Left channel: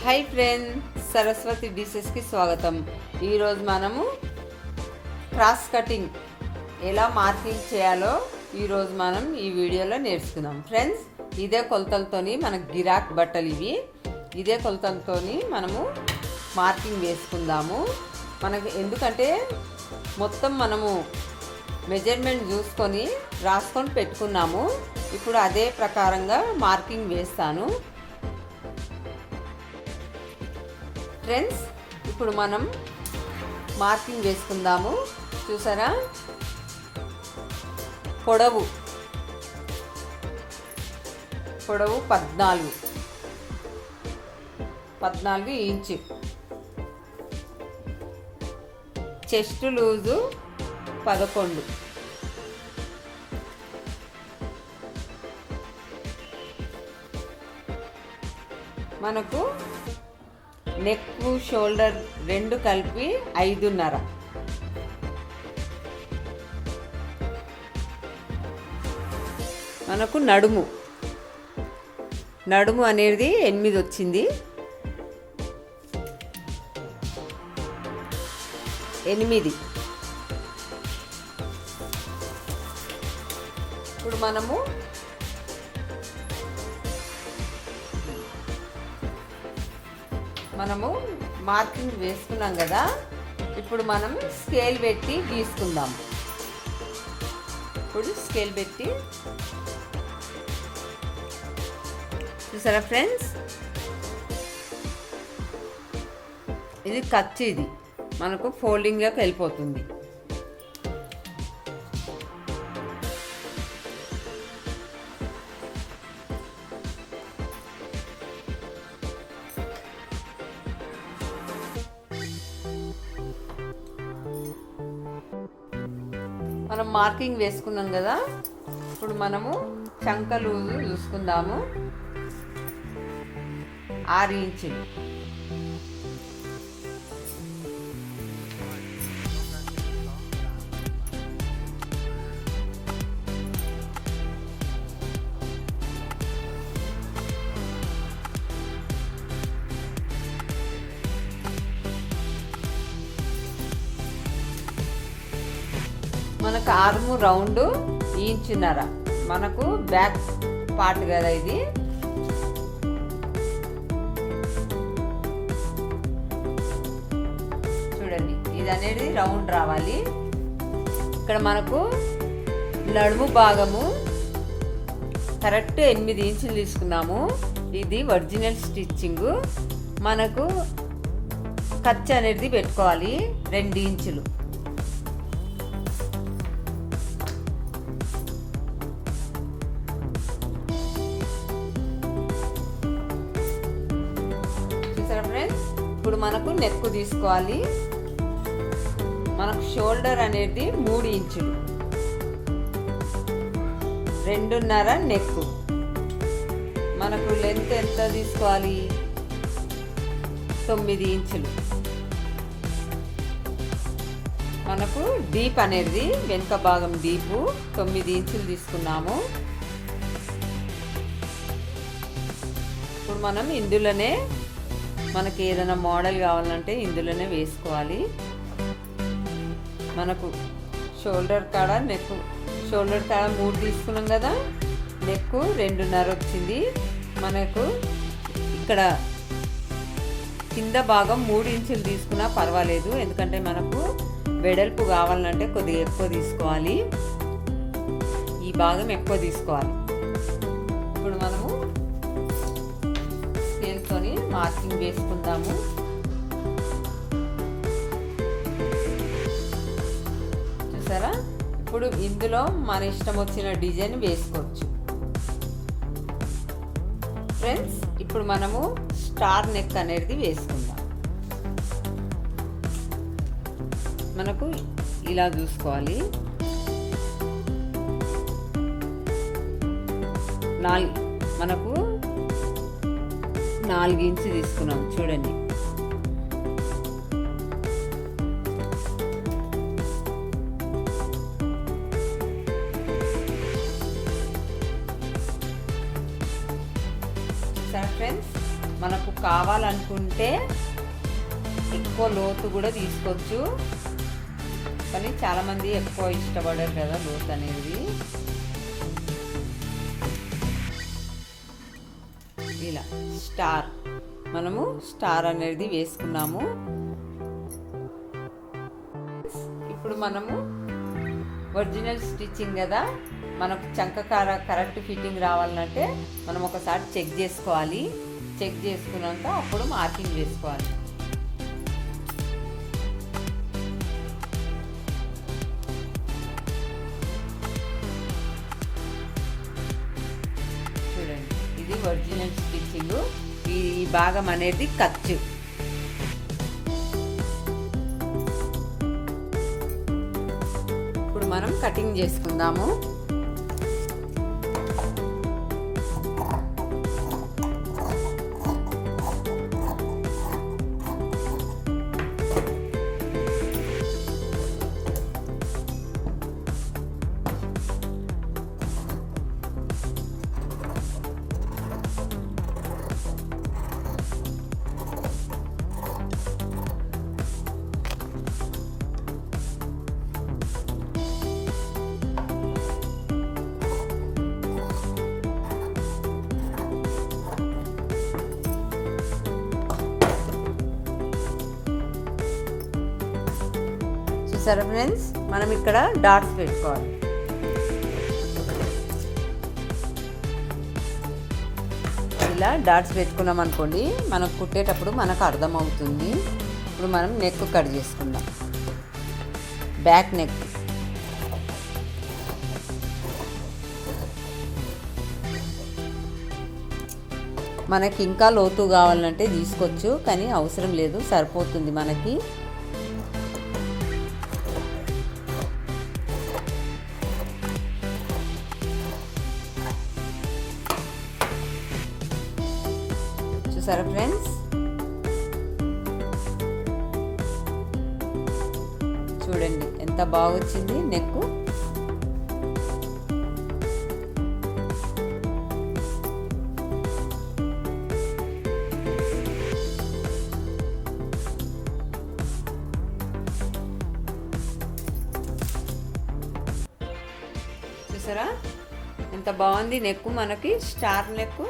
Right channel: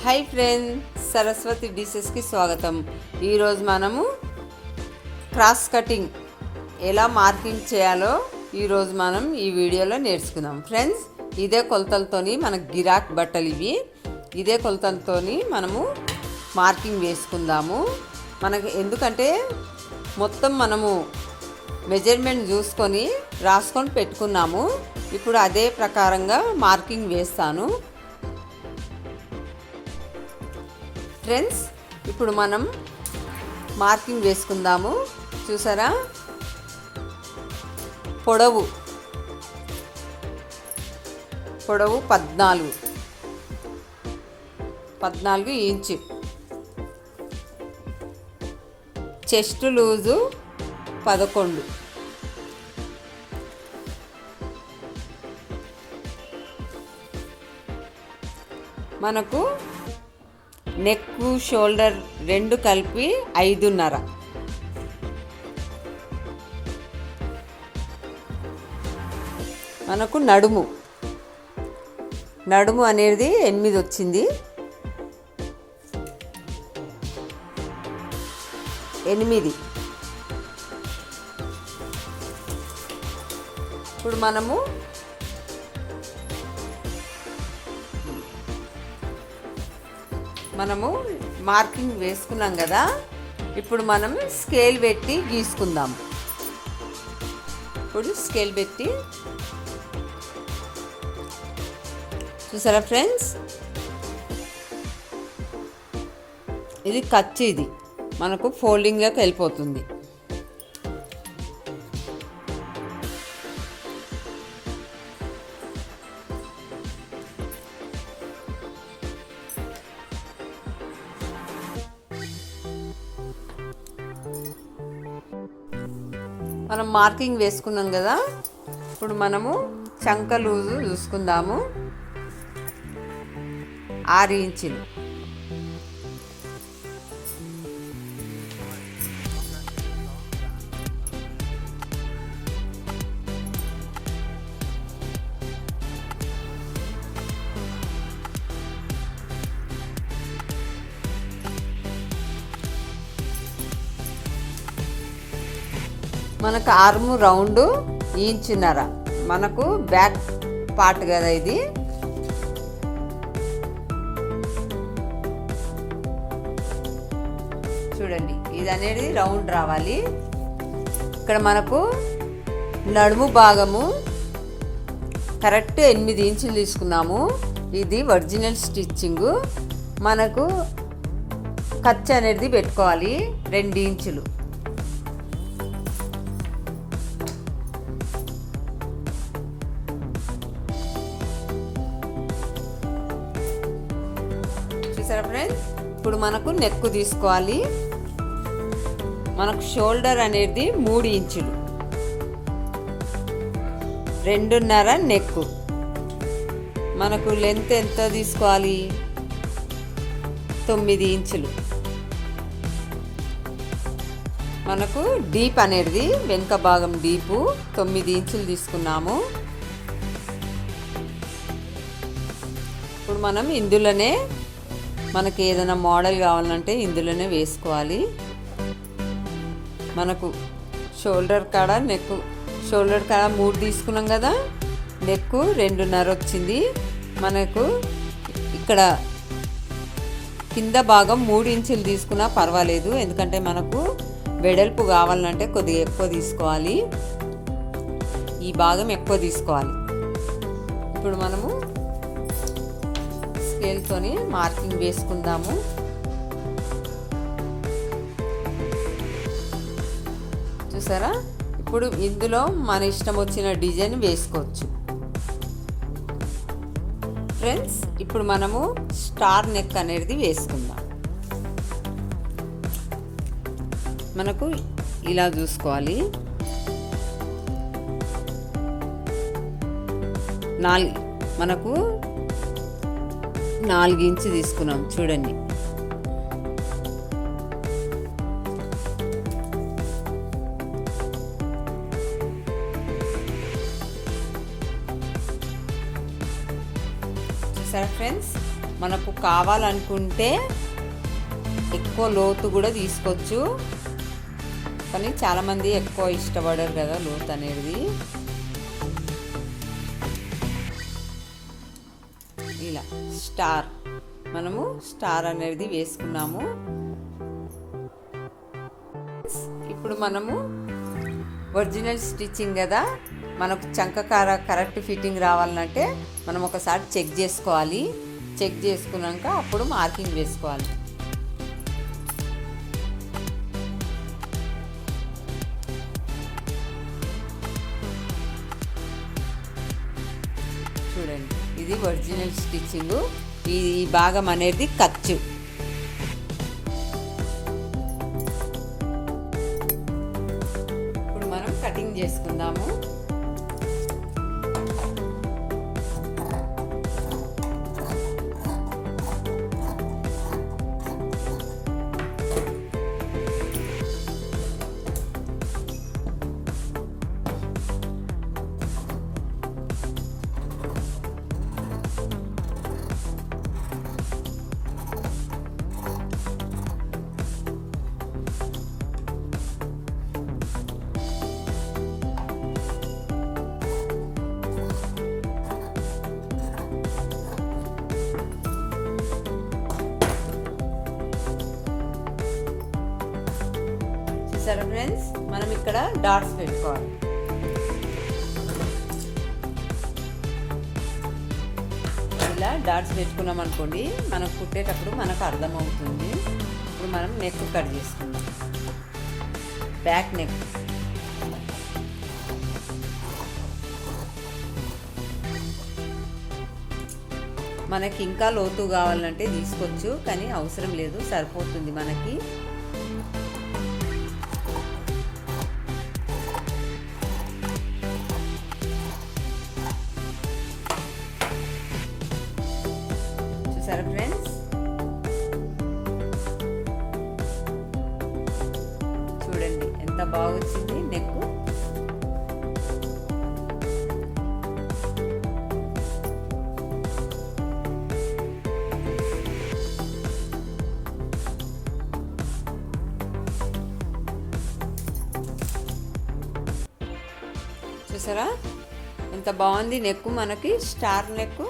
Hi friend Saraswati డిషెస్కి స్వాగతం. ఈరోజు మనము క్రాస్ కటింగ్ ఎలా మార్కింగ్ చేయాలో ఈరోజు మనం ఈ వీడియోలో నేర్చుకుందాం. ఫ్రెండ్స్ ఇదే కొలతలతోని మనకు గిరాక్ బట్టలు ఇవి. ఇదే కొలతలతోని మనము మార్కింగ్ వేసుకుందాము. మనకి ఎందుకంటే మొత్తం మనము మెజర్మెంట్ చూసుకొని రాసుకొని పెట్టుకున్నాము. ఇప్పుడు అదే ప్రకారంగా మార్కింగ్ వేస్తాను. ఫ్రెండ్స్ ఇప్పుడు మనం మార్కింగ్ చేసుకుందాము. చూసారా? పొడవు. పొడవు పద్నాలుగు. పద్నాలుగు ఇంచు. చెస్ట్ లూజు పదకొండు. మనకు నెక్ షోల్డర్ రెండు కలిపి ఐదున్నర. మనకు నడుము. నడుము అనేది ఎనిమిది వచ్చింది. ఎనిమిది. ఇప్పుడు మనము మనము మార్కింగ్ వేసుకున్నాం కదా ఇప్పుడు మనం స్కేల్ పెట్టి గీసుకుందాం. ఇప్పుడు స్కేల్ పెట్టి చూసారా ఫ్రెండ్స్? ఇది ఖర్చు ఇది. మనకు ఫోల్డింగ్లోకి వెళ్ళిపోతుంది. మనం మార్కింగ్ వేసుకున్నాం కదా ఇప్పుడు మనము చంకలు చూసుకుందాము. ఆరు ఇంచులు. మనకు ఆర్మ్ రౌండ్ ఇంచున్నర మనకు బ్యాక్ పార్ట్ కదా ఇది. చూడండి ఇది అనేది రౌండ్ రావాలి. ఇక్కడ మనకు నడుము భాగము కరెక్ట్ ఎనిమిది ఇంచులు తీసుకున్నాము. ఇది ఒరిజినల్ స్టిచ్చింగ్. మనకు ఖర్చు అనేది పెట్టుకోవాలి రెండు ఇంచులు. చూసారా ఫ్రెండ్స్ ఇప్పుడు మనకు నెక్ తీసుకోవాలి. మనకు షోల్డర్ అనేది మూడు ఇంచులు. రెండున్నర నెక్ మనకు లెంత్ ఎంత తీసుకోవాలి? తొమ్మిది ఇంచులు. మనకు డీప్ అనేది వెనుక భాగం డీపు తొమ్మిది ఇంచులు తీసుకున్నాము. ఇప్పుడు మనం ఇందులోనే మనకి ఏదైనా మోడల్ కావాలంటే ఇందులోనే వేసుకోవాలి. మనకు షోల్డర్ కాడ నెక్ షోల్డర్ కాడ మూడు తీసుకున్నాం కదా నెక్ రెండున్నర వచ్చింది. మనకు ఇక్కడ కింద భాగం మూడు ఇంచులు తీసుకున్నా పర్వాలేదు ఎందుకంటే మనకు వెడల్పు కావాలంటే కొద్దిగా ఎక్కువ తీసుకోవాలి. ఈ భాగం ఎక్కువ తీసుకోవాలి. ఇప్పుడు మనము స్కేల్తోని మార్కింగ్ వేసుకుందాము. చూసారా? ఇప్పుడు ఇందులో మన ఇష్టం వచ్చిన డిజైన్ వేసుకోవచ్చు. ఫ్రెండ్స్ ఇప్పుడు మనము స్టార్ నెక్ అనేది వేసుకుందాం. మనకు ఇలా చూసుకోవాలి. నాలుగు మనకు నాలుగు ఇంచు తీసుకున్నాం. చూడండి. చూసారా ఫ్రెండ్స్ మనకు కావాలనుకుంటే ఎక్కువ లోతు కూడా తీసుకోవచ్చు. కానీ చాలామంది ఎక్కువ ఇష్టపడరు కదా లోతు అనేది. ఇలా స్టార్ మనము స్టార్ అనేది వేసుకున్నాము. ఇప్పుడు మనము ఒరిజినల్ స్టిచ్చింగ్ కదా. మనకు చంకకార కరెక్ట్ ఫిట్టింగ్ రావాలంటే మనం ఒకసారి చెక్ చేసుకోవాలి. చెక్ చేసుకున్నాక అప్పుడు మార్కింగ్ వేసుకోవాలి. ఇది ఒరిజినల్ స్టిచ్చింగ్. ఈ భాగం అనేది ఖర్చు ఇప్పుడు మనం కటింగ్ చేసుకుందాము. చూసారా ఫ్రెండ్స్ మనం ఇక్కడ డాట్స్ పెట్టుకోవాలి. ఇలా డాట్స్ పెట్టుకున్నాం అనుకోండి మనకు కుట్టేటప్పుడు మనకు అర్థమవుతుంది. ఇప్పుడు మనం నెక్ కట్ చేసుకుందాం. బ్యాక్ నెక్ మనకి ఇంకా లోతు కావాలంటే తీసుకోవచ్చు కానీ అవసరం లేదు సరిపోతుంది మనకి. చూసారా ఫ్రెండ్స్. చూడండి ఎంత బాగా వచ్చింది నెక్ చూసారా? ఎంత బాగుంది నెక్ మనకి స్టార్ నెక్